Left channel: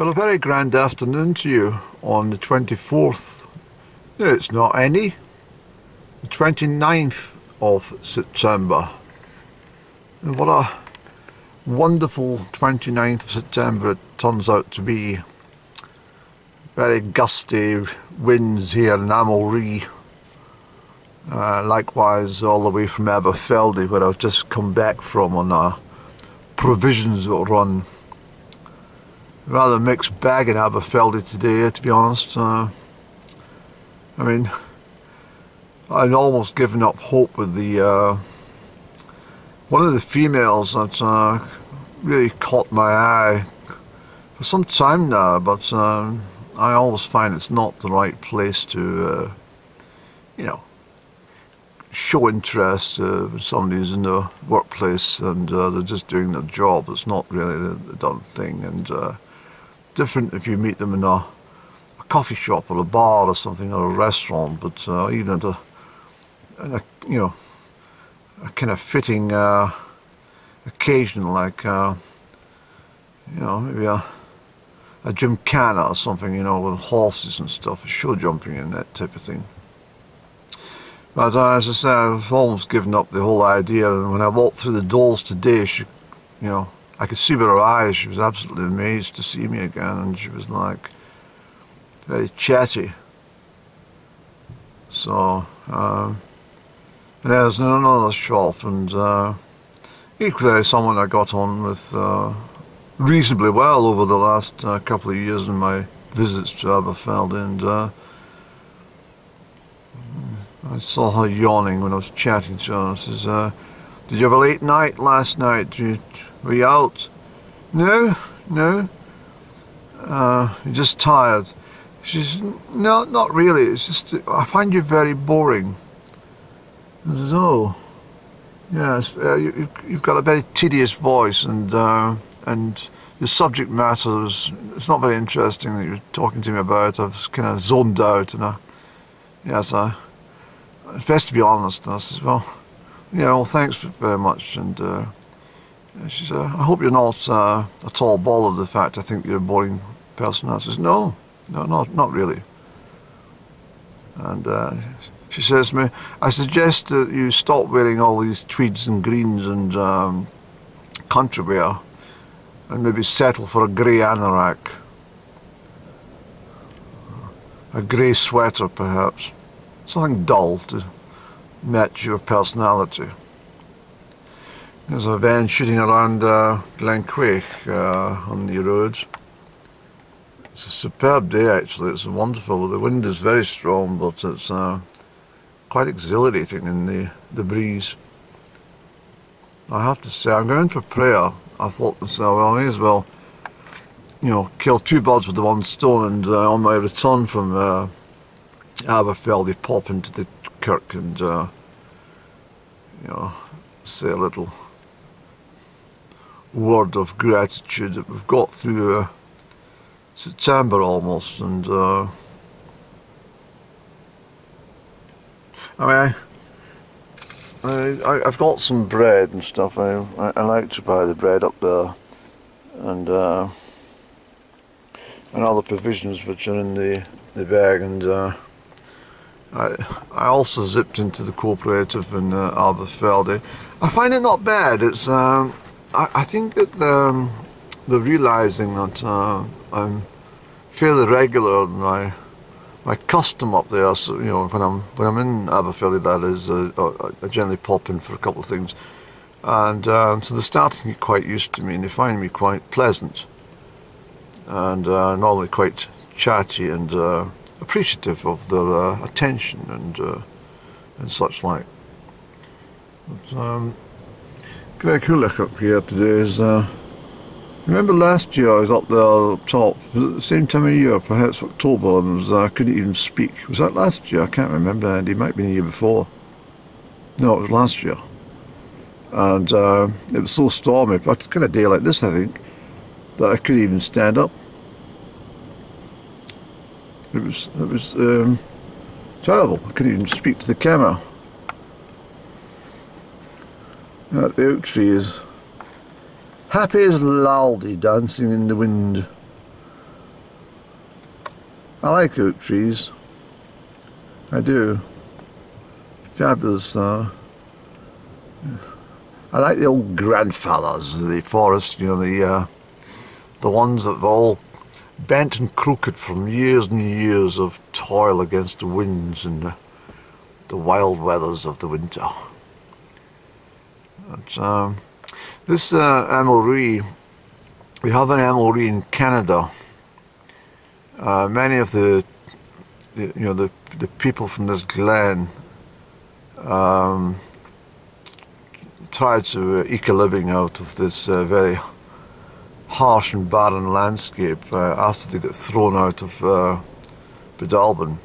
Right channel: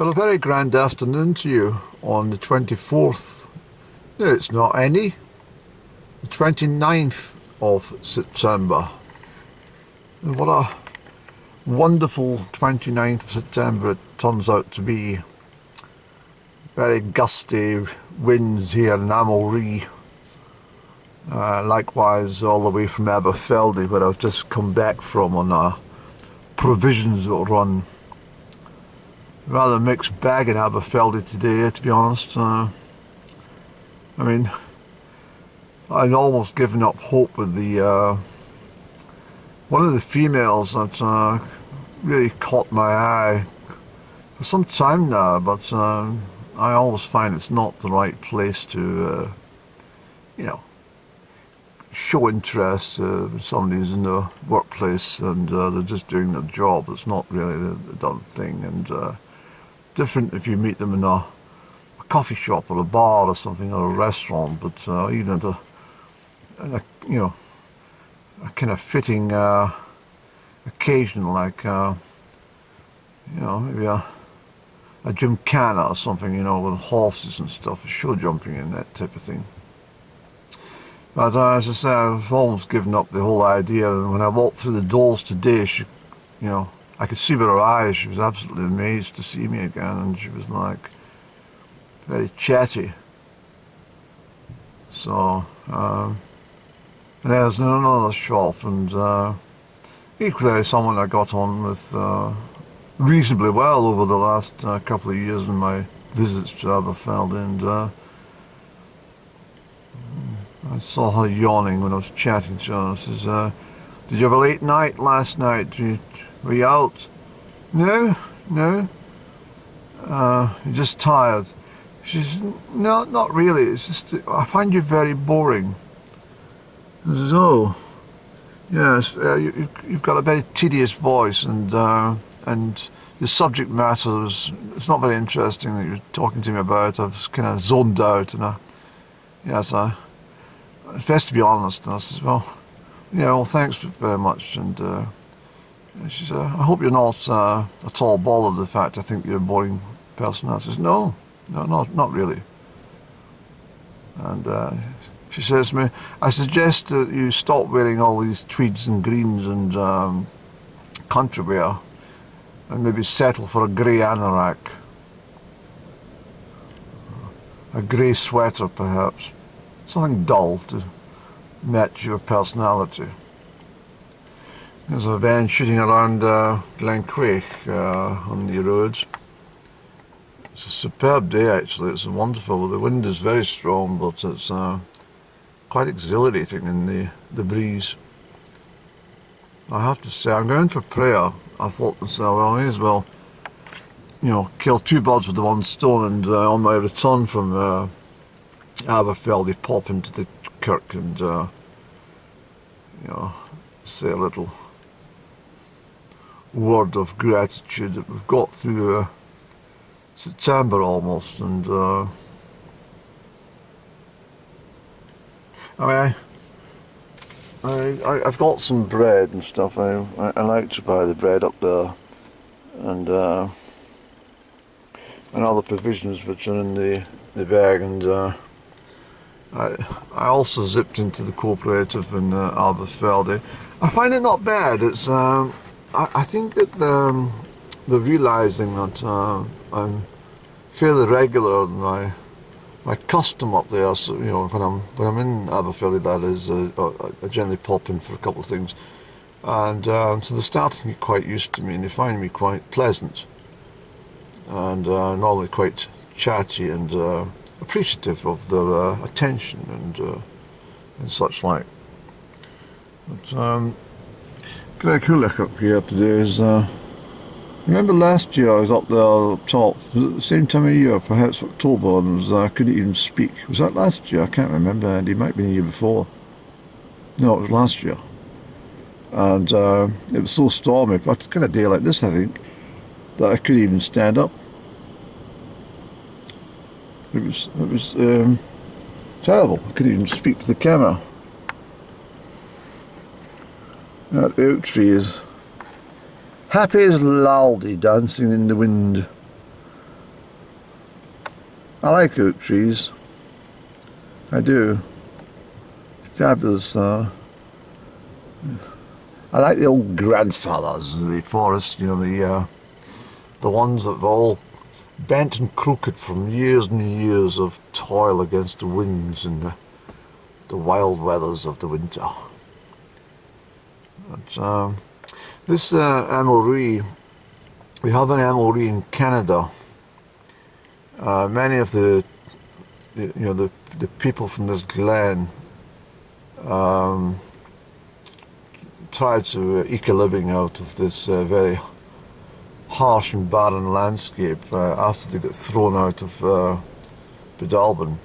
Well, a very grand afternoon to you on the 24th. No, it's not any. The 29th of September. And what a wonderful 29th of September it turns out to be. Very gusty winds here in Amalree. Likewise all the way from Aberfeldy, where I've just come back from on a provisions run. Rather mixed bag in Aberfeldy today, to be honest. I mean, I'd almost given up hope with the one of the females that really caught my eye for some time now, but I always find it's not the right place to, you know, show interest when somebody's in the workplace and they're just doing their job. It's not really the done thing, and different if you meet them in a coffee shop or a bar or something, or a restaurant, but even at a you know, a kind of fitting occasion, like you know, maybe a gymkhana or something, you know, with horses and stuff, show jumping and that type of thing. But as I say, I've almost given up the whole idea, and when I walked through the doors today, she, you know, I could see with her eyes, she was absolutely amazed to see me again, and she was like very chatty. So, and there's another shop, and equally someone I got on with reasonably well over the last couple of years in my visits to Aberfeldy, and I saw her yawning when I was chatting to her. I says, did you have a late night last night? Were you out? No. You're just tired. She says, no, not really. It's just, I find you very boring. I says, oh, yes, you've got a very tedious voice, and your subject matter it's not very interesting that you're talking to me about. I was kind of zoned out, and it's best to be honest. And I says, well, yeah, well, thanks very much. And she said, I hope you're not at all bothered with the fact I think you're a boring person. I says, no, not really. And she says to me, I suggest that you stop wearing all these tweeds and greens and country wear, and maybe settle for a grey anorak. A grey sweater, perhaps. Something dull to match your personality. There's a van shooting around Crieff on the road. It's a superb day, actually. It's wonderful. The wind is very strong, but it's quite exhilarating in the breeze. I have to say, I'm going for prayer. I thought to myself, well, I may as well, you know, kill two birds with the one stone, and on my return from Aberfeldy, pop into the kirk and, you know, say a little word of gratitude that we've got through September almost, and I mean, I've got some bread and stuff. I like to buy the bread up there, and other provisions which are in the bag, and I also zipped into the cooperative in Aberfeldy. I find it not bad. It's I think that they're realising that I'm fairly regular in my custom up there. So, you know, when I'm in Aberfeldy, that is, I generally pop in for a couple of things, and so they're starting to get quite used to me, and they find me quite pleasant, and normally quite chatty and appreciative of their attention and such like. But Greg Hulick up here today is. Remember last year I was up there up top, at the same time of year, perhaps October, and I couldn't even speak. Was that last year? I can't remember, and it might have been the year before. No, it was last year. And it was so stormy, but kind of day like this, I think, that I couldn't even stand up. It was terrible. I couldn't even speak to the camera. That oak tree is happy as Laldi dancing in the wind. I like oak trees. I do. Fabulous. I like the old grandfathers of the forest, you know, the ones that have all bent and crooked from years and years of toil against the winds and the wild weathers of the winter. But, this amory, we have an amory in Canada. Many of the people from this glen tried to eke a living out of this very harsh and barren landscape after they got thrown out of Breadalbane.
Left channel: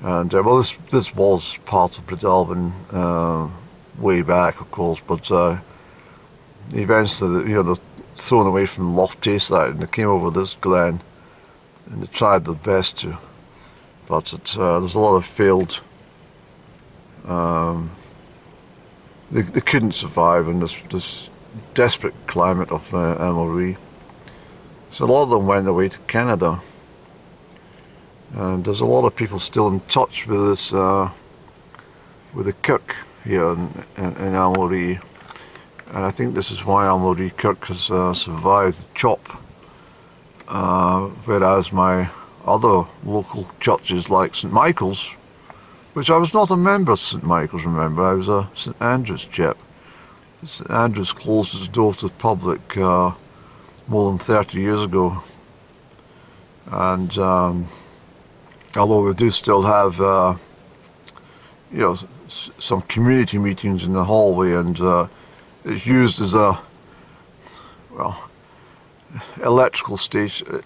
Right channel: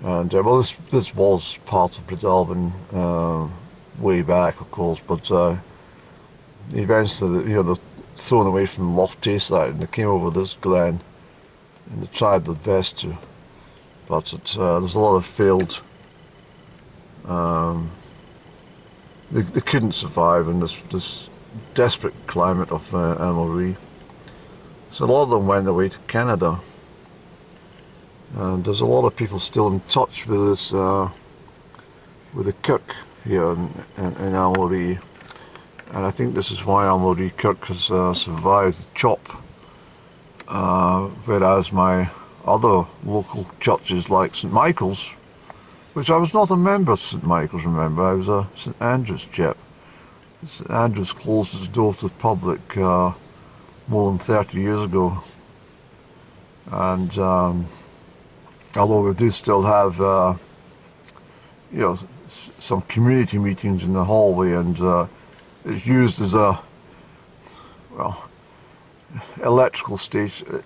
And well, this was part of Breadalbane way back, of course, but eventually, they're thrown away from Loch Tayside and they came over this glen and they tried their best to, but there's a lot of failed. They couldn't survive in this desperate climate of Amory. So a lot of them went away to Canada. And there's a lot of people still in touch with this, with the kirk here in Amory. And I think this is why Amory Kirk has survived the chop. Whereas my other local churches like St Michael's, which I was not a member of St Michael's, remember, I was a St Andrew's chap. St Andrew's closed its door to the public more than 30 years ago. And although we do still have some community meetings in the hallway, and it's used as a, well, electoral station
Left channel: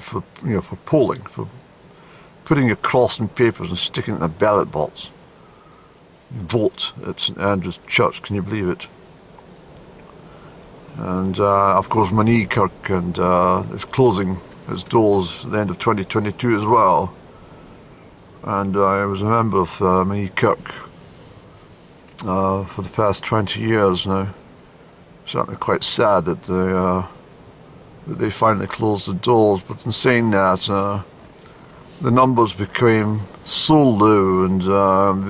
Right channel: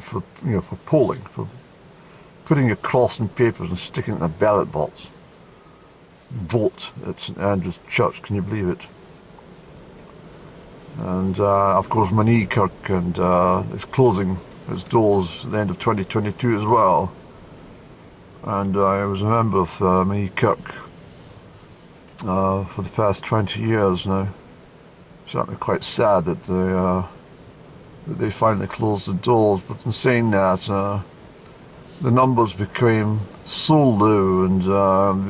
for for polling, for putting your cross in papers and sticking it in a ballot box. Vote at St Andrew's Church, can you believe it? And of course Monee Kirk and is closing its doors at the end of 2022 as well. And I was a member of Monee Kirk for the past 20 years now. Certainly quite sad that they finally closed the doors, but in saying that, the numbers became so low, and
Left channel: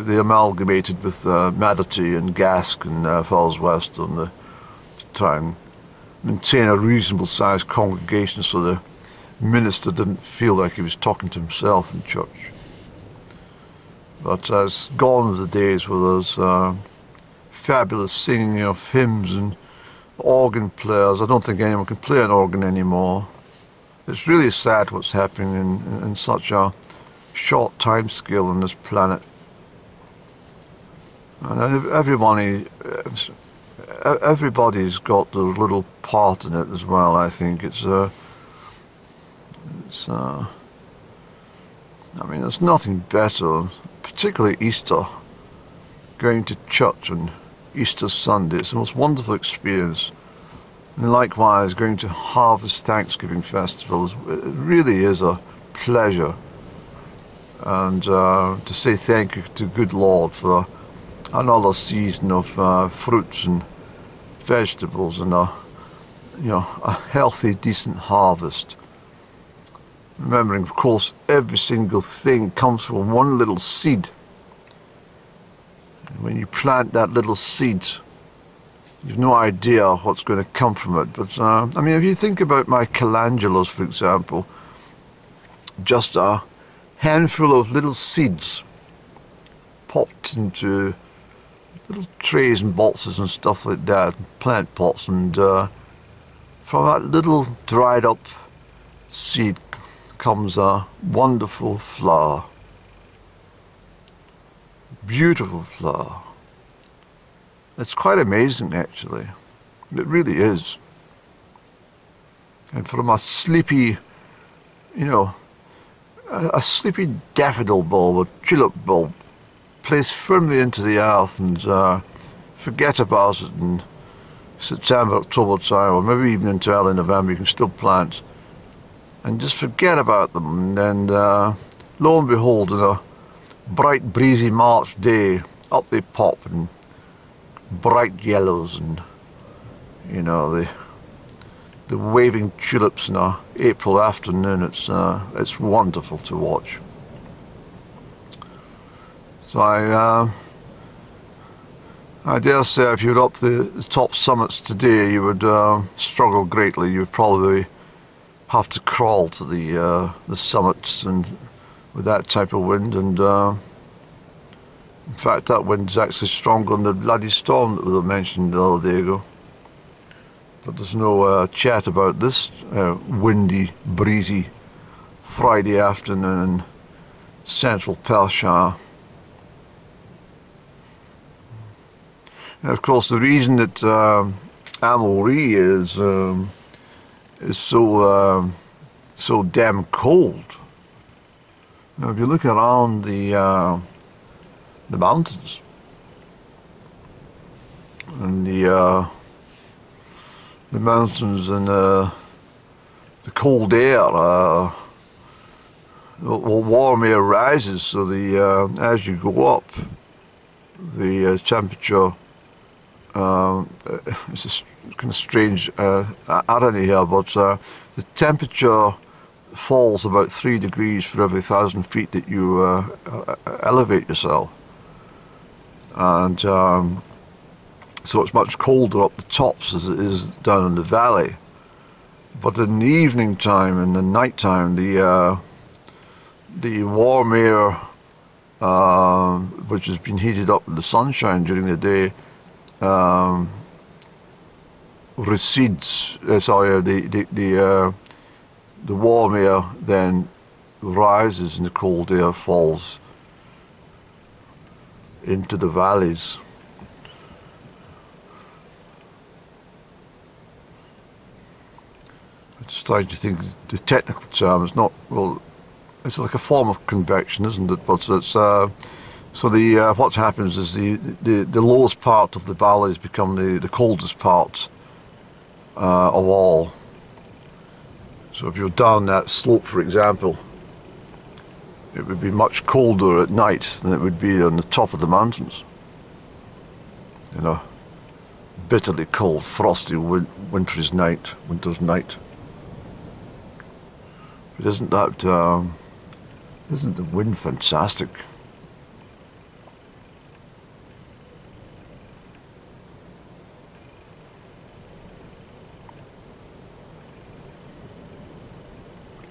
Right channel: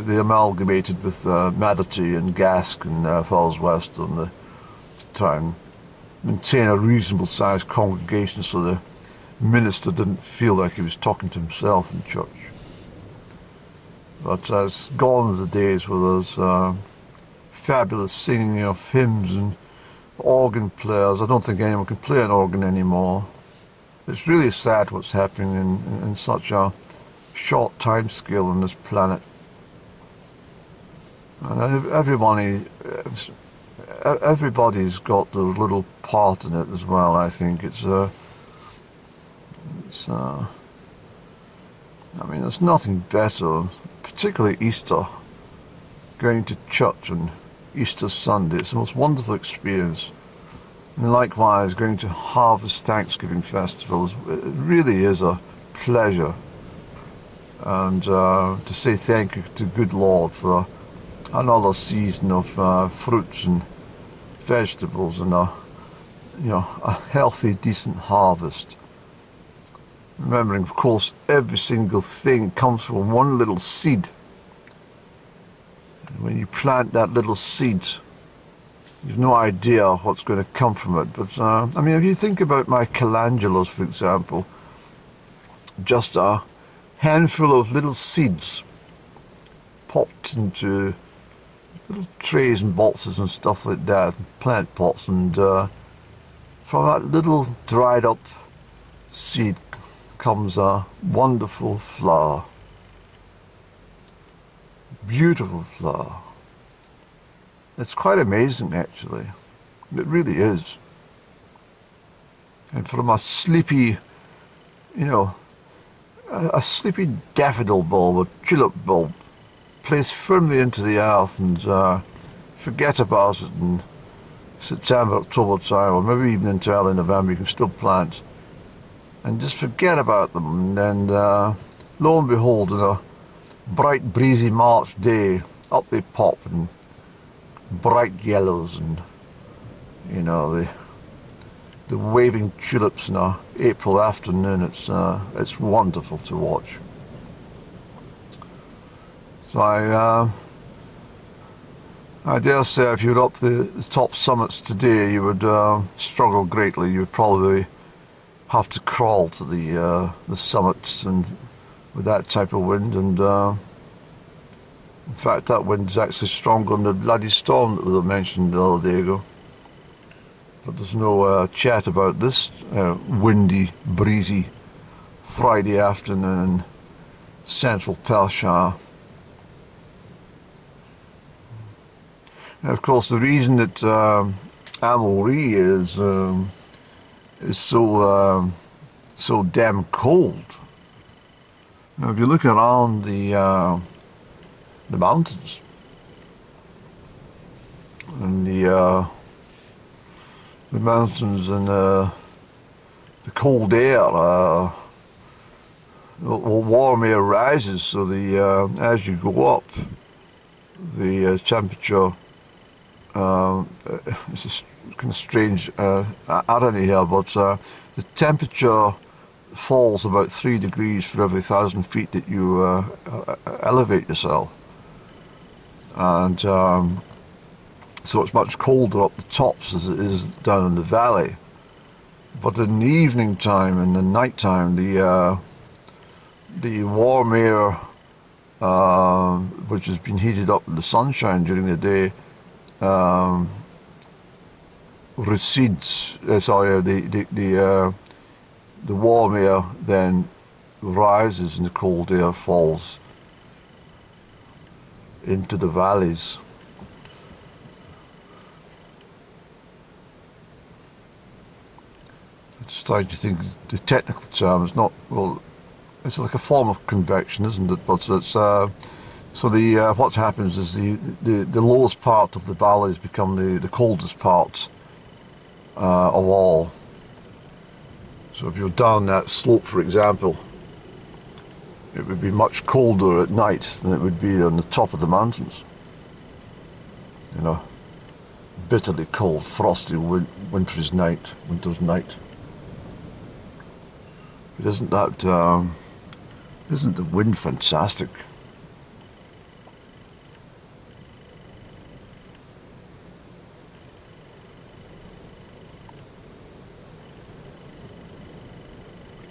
they amalgamated with Madarty and Gask and Falls Western to try and maintain a reasonable sized congregation so the minister didn't feel like he was talking to himself in church. But it's gone are the days where there's fabulous singing of hymns and organ players. I don't think anyone can play an organ anymore. It's really sad what's happening in such a short time scale on this planet. And everybody's got their little part in it as well. I think I mean, there's nothing better, particularly Easter, going to church on Easter Sunday. It's the most wonderful experience. And likewise, going to Harvest Thanksgiving festivals, it really is a pleasure. And to say thank you to good Lord for another season of fruits and vegetables and a healthy, decent harvest. Remembering, of course, every single thing comes from one little seed. And when you plant that little seed, you've no idea what's going to come from it. But, I mean, if you think about my calendulas, for example, just a handful of little seeds popped into little trays and boxes and stuff like that, plant pots, and from that little dried up seed comes a wonderful flower. Beautiful flower. It's quite amazing, actually. It really is. And from a sleepy, a sleepy daffodil bulb or tulip bulb placed firmly into the earth and forget about it in September, October time, or maybe even into early November, you can still plant. And just forget about them, and lo and behold, on a bright, breezy March day, up they pop in bright yellows, and the the waving tulips in a April afternoon. It's wonderful to watch. So I dare say if you were up the top summits today, you would struggle greatly. You would probably have to crawl to the summits, and with that type of wind. And in fact, that wind's actually stronger than the bloody storm that was mentioned the other day ago. But there's no chat about this windy, breezy Friday afternoon in central Perthshire. And of course, the reason that Amulree is so damn cold. Now, if you look around the mountains and the mountains and the cold air, warm air rises, so as you go up, the temperature. It's a kind of strange irony here, but the temperature falls about 3 degrees for every 1,000 feet that you elevate yourself, and so it's much colder up the tops as it is down in the valley. But in the evening time and the night time, the warm air, which has been heated up in the sunshine during the day, recedes. Sorry, the warm air then rises and the cold air falls into the valleys. I'm just trying to think. The technical term is not, well, it's like a form of convection, isn't it? But it's so what happens is the lowest part of the valleys become the coldest part of all. So if you're down that slope, for example, it would be much colder at night than it would be on the top of the mountains. You know, bitterly cold, frosty winter's night. But isn't the wind fantastic?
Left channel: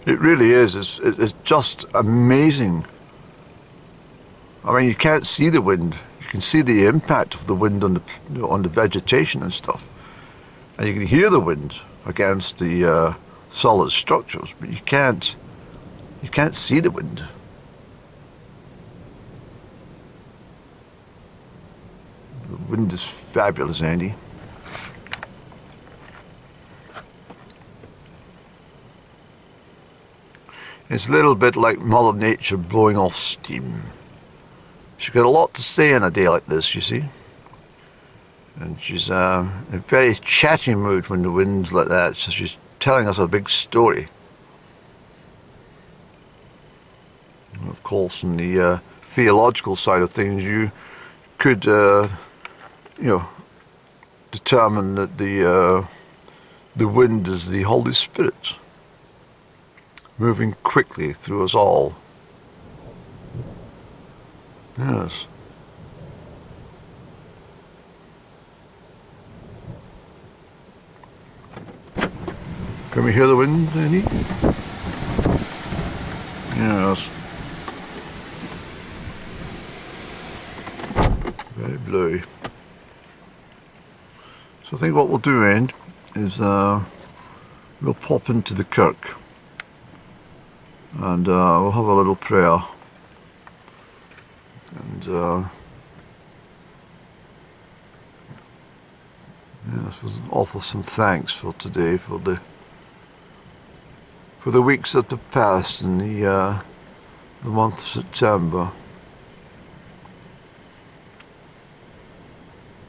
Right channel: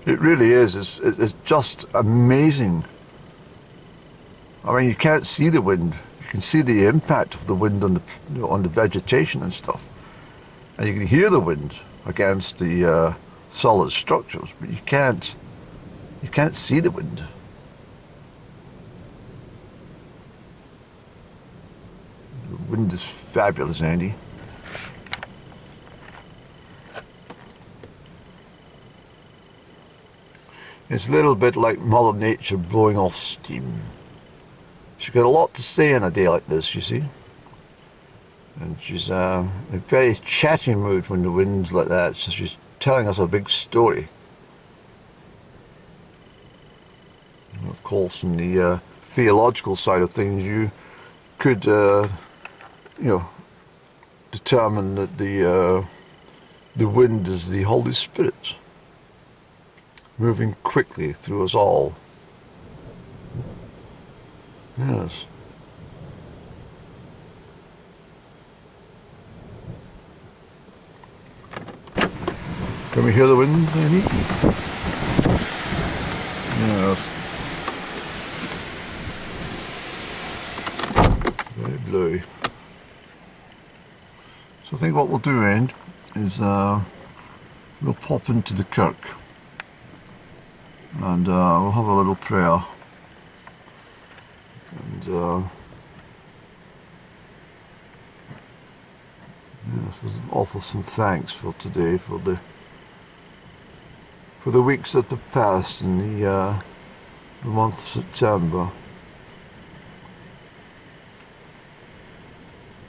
It really is. It's just amazing. I mean, you can't see the wind. You can see the impact of the wind on the vegetation and stuff, and you can hear the wind against the solid structures, but you can't see the wind. The wind is fabulous, Andy. It's a little bit like Mother Nature blowing off steam. She's got a lot to say in a day like this, you see. And she's in a very chatty mood when the wind's like that, so she's telling us a big story. And of course, on the theological side of things, you could, determine that the wind is the Holy Spirit, moving quickly through us all. Yes. Can we hear the wind, Andy? Yes. Very blowy. So I think what we'll do, Andy, is we'll pop into the kirk. And we'll have a little prayer, and offer some thanks for today, for the weeks that have passed in the month of September.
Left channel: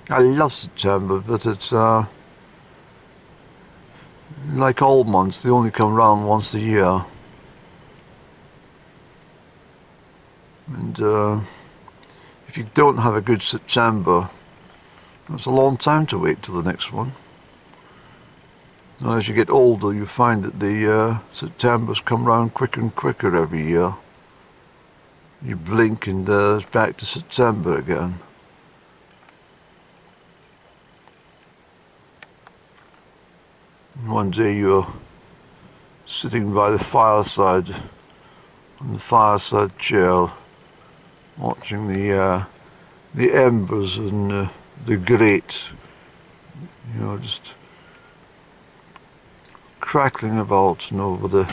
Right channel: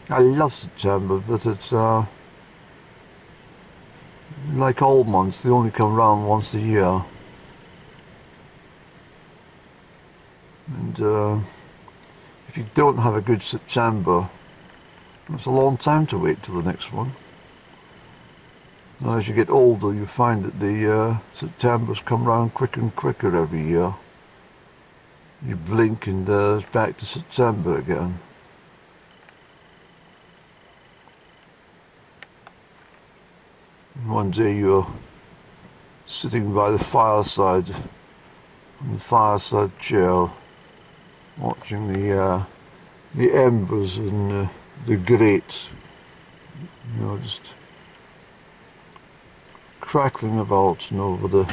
I love September, but it's like all months; they only come round once a year. And if you don't have a good September, it's a long time to wait till the next one. And as you get older, you find that the Septembers come round quicker and quicker every year. You blink and it's back to September again. And one day you're sitting by the fireside, on the fireside chair, watching the embers and the grate, you know, just crackling about and over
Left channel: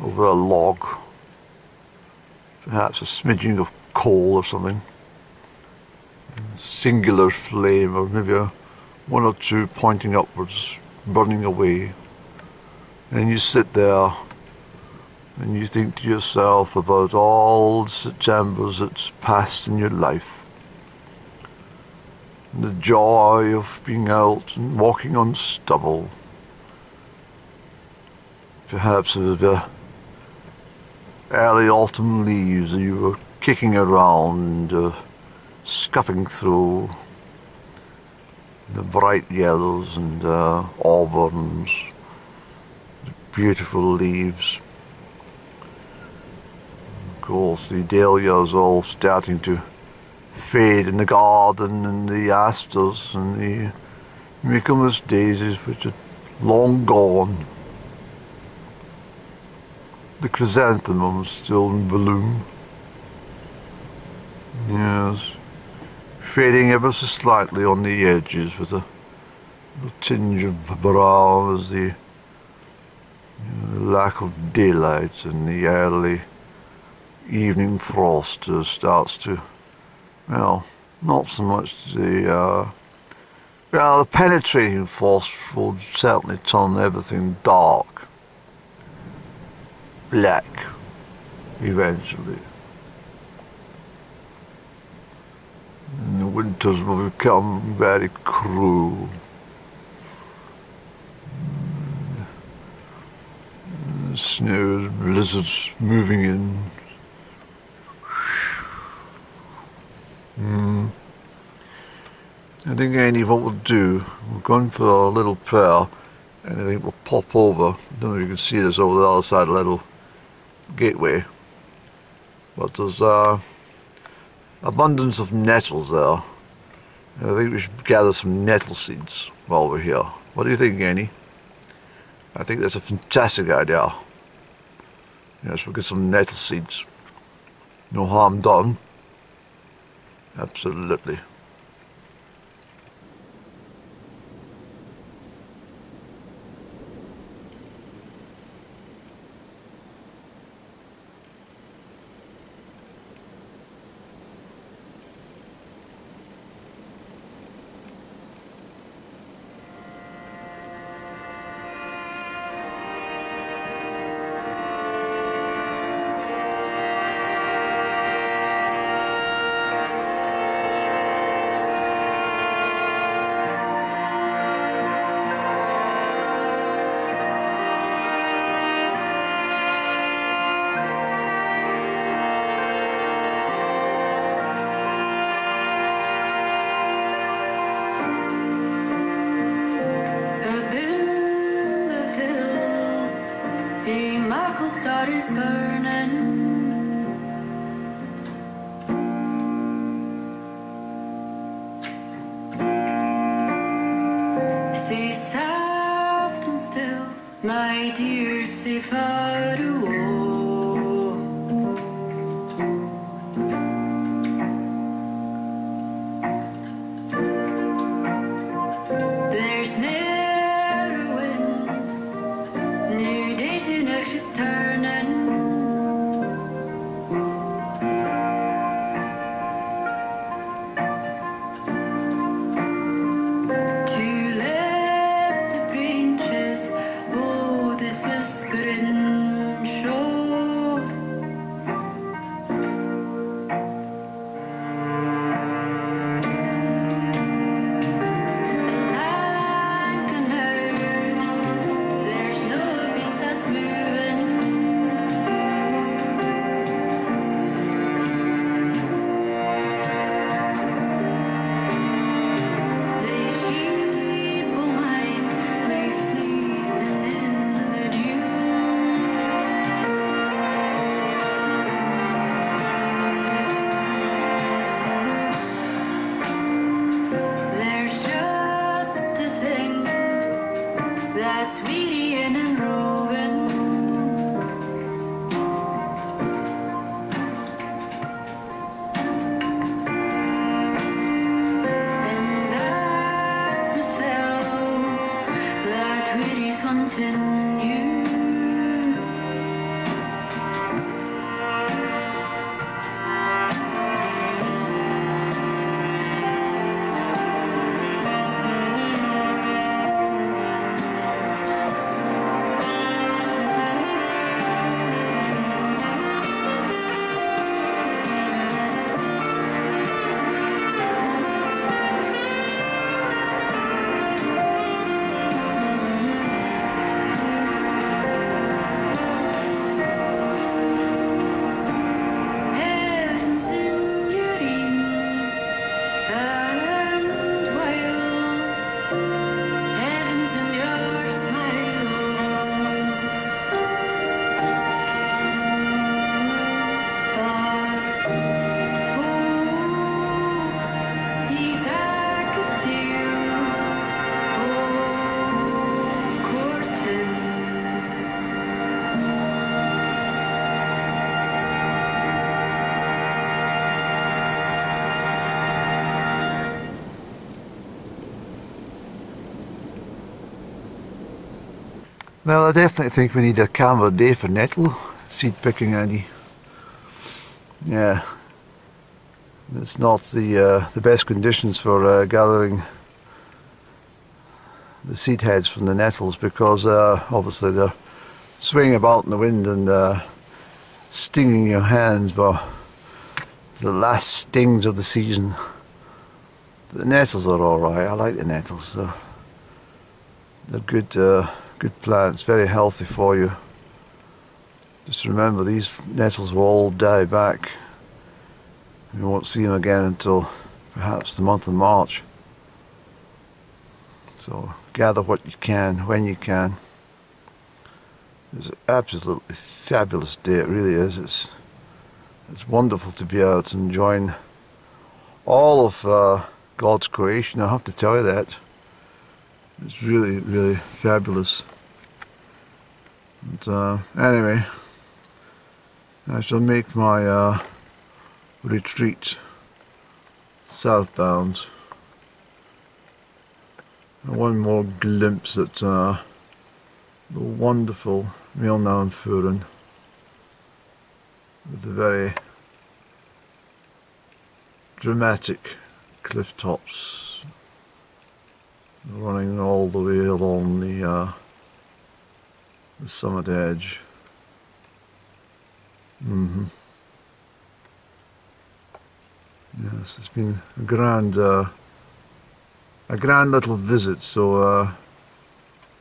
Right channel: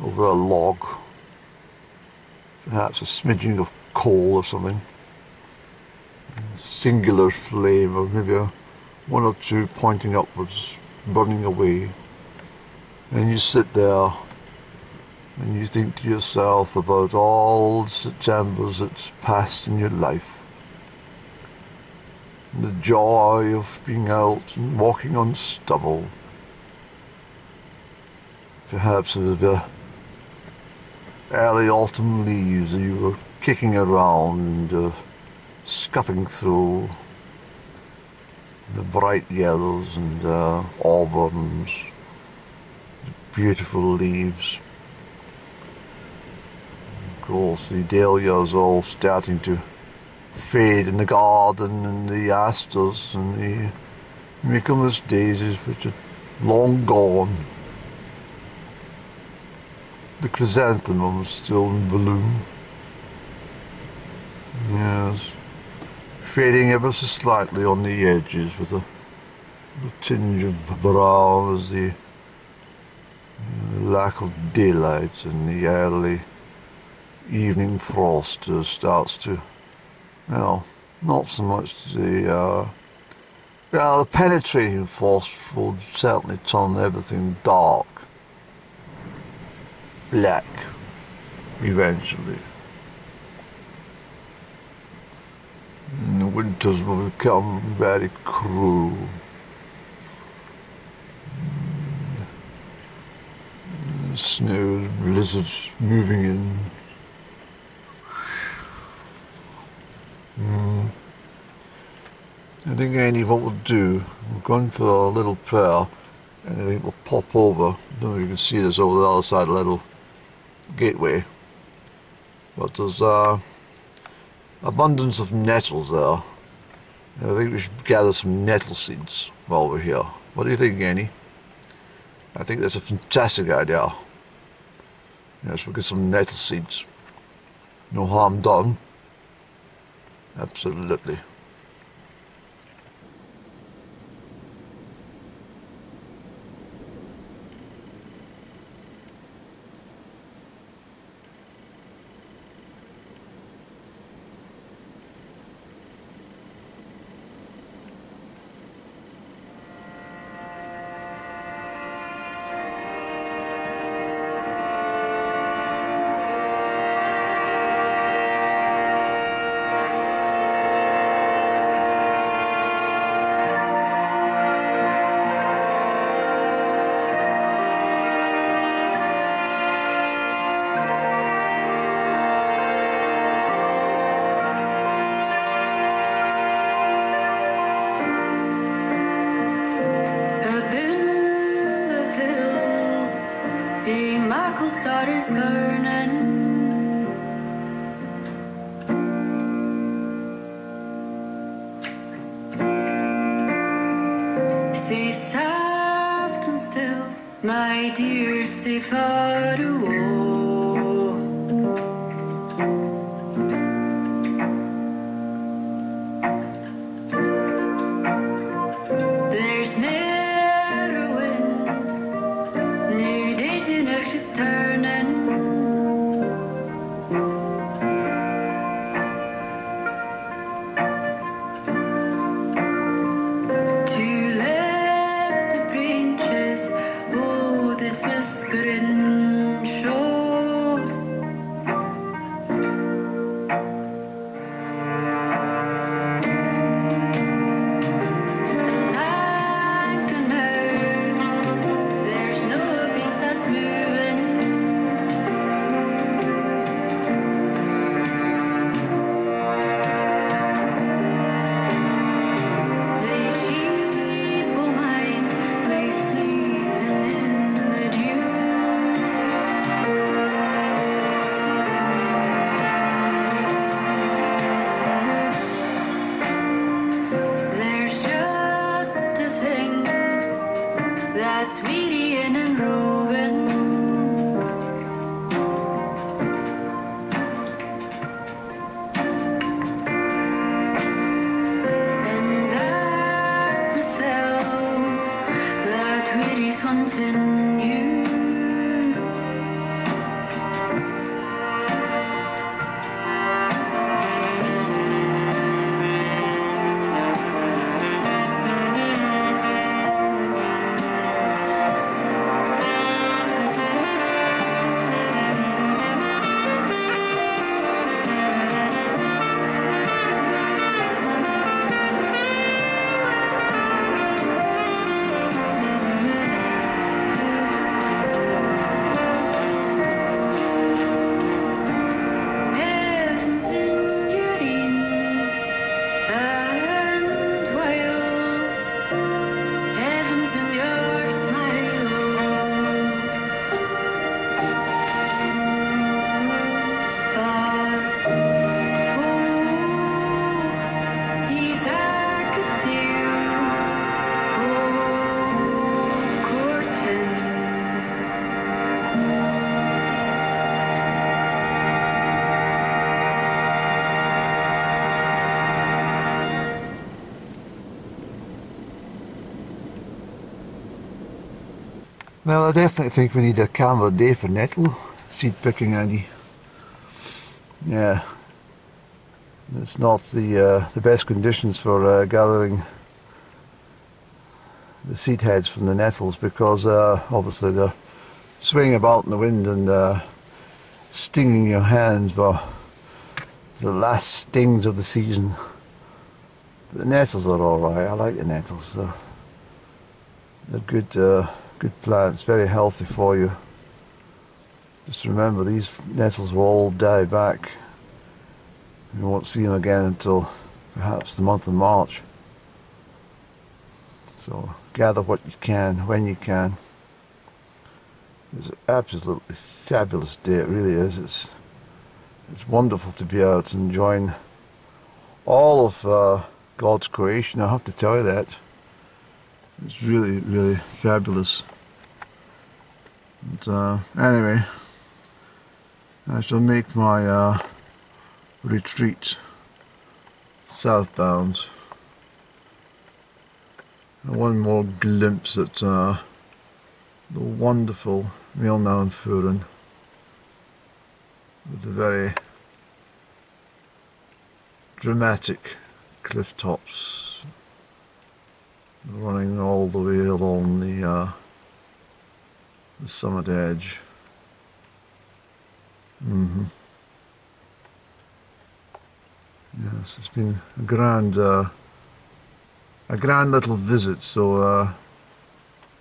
a log, perhaps a smidging of coal or something, a singular flame, or maybe one or two pointing upwards, burning away. And you sit there and you think to yourself about all the Septembers that's passed in your life. And the joy of being out and walking on stubble. Perhaps of the early autumn leaves that you were kicking around and scuffing through. The bright yellows and auburns, beautiful leaves. Of course, the dahlias all starting to fade in the garden, and the asters and the Michaelmas daisies, which are long gone. The chrysanthemums still in bloom. Yes, fading ever so slightly on the edges with a tinge of brown as the lack of daylight and the early evening frost starts to, well, not so much the penetrating frost will certainly turn everything dark, black, eventually. And the winters will become very cruel. Snow, blizzards moving in. I think, Annie, what we'll do, we're going for a little prayer, and I think we'll pop over. I don't know if you can see this over the other side of the little gateway, but there's abundance of nettles there. I think we should gather some nettle seeds while we're here. What do you think, Annie? I think that's a fantastic idea. Yes, we'll get some nettle seeds. No harm done. Absolutely. Stars burning. Say soft and still, my dear, say far away. There's ne'er a wind, new day to night is turning. Whispering show that's wearying and roving. And that's myself that weary's hunting you. Well, I definitely think we need a calmer day for nettle seed picking, Andy. Yeah, it's not the best conditions for gathering the seed heads from the nettles, because obviously they're swinging about in the wind and stinging your hands by the last stings of the season. The nettles are alright. I like the nettles. They're good, good plants, very healthy for you. Just remember, these nettles will all die back. You won't see them again until perhaps the month of March. So gather what you can, when you can. It's an absolutely fabulous day, it really is. It's wonderful to be out and enjoying all of God's creation, I have to tell you that. It's really, really fabulous. And anyway, I shall make my retreat southbound. And one more glimpse at the wonderful Milnaunfuren, with the very dramatic cliff tops running all the way along the summit edge. Yes, it's been a grand little visit. So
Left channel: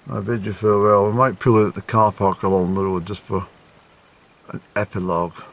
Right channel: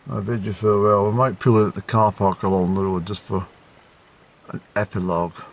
I bid you farewell. We might pull in at the car park along the road just for an epilogue.